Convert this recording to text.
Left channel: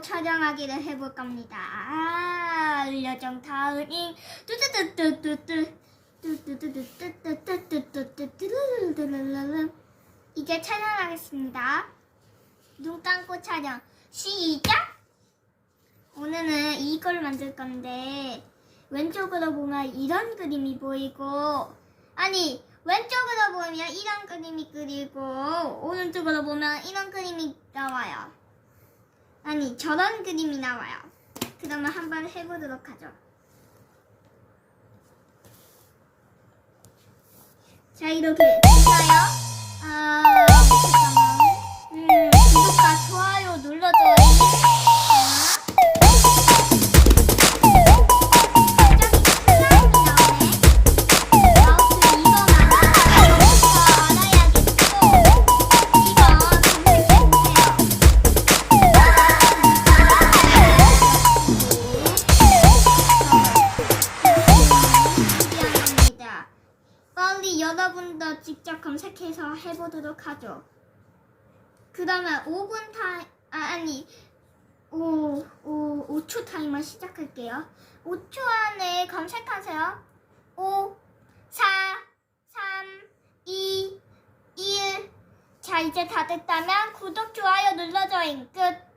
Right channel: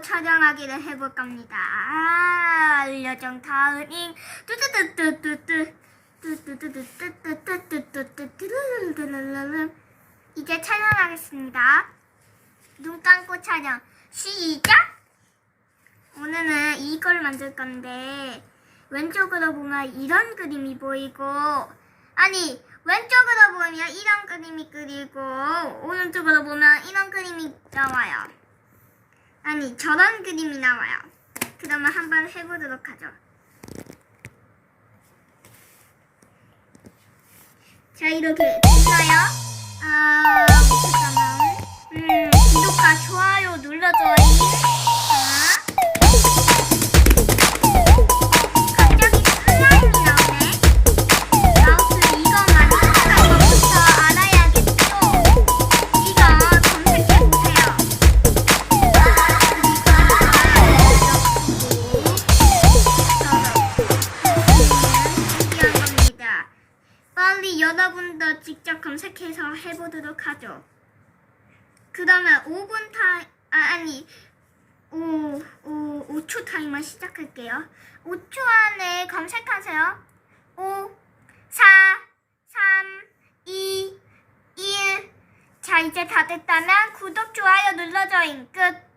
또 촬영하기를 해볼 겁니다. 알려정 다은잉 이제 촬영하겠습니다. 눈 감고 촬영 시작! 오늘은 이걸 만들 건데 왼쪽으로 보면 이런 그림이 보이고 아니 왼쪽으로 보면 이런 그림이 그리고 오른쪽으로 보면 이런 그림이 나와요. 아니 저런 그림이 나와요. 그러면 한번 해보도록 하죠. 자 이렇게 됐나요? 잠깐만. 구독과 좋아요 눌러줘요. 갑자기 슬라임이 나오네. 마우스 이거만 이거부터 알아야겠죠. 이거 검색해보세요. 준비한 겁니다. 빨리 여러분도 직접 검색해서 해보도록 하죠. 그러면 5분 아니 5초 타이머 시작할게요. 5초 안에 검색하세요. 5, 4, 3, 2, 1. 자 이제 다 됐다면 구독, 좋아요 눌러줘잉. 끝.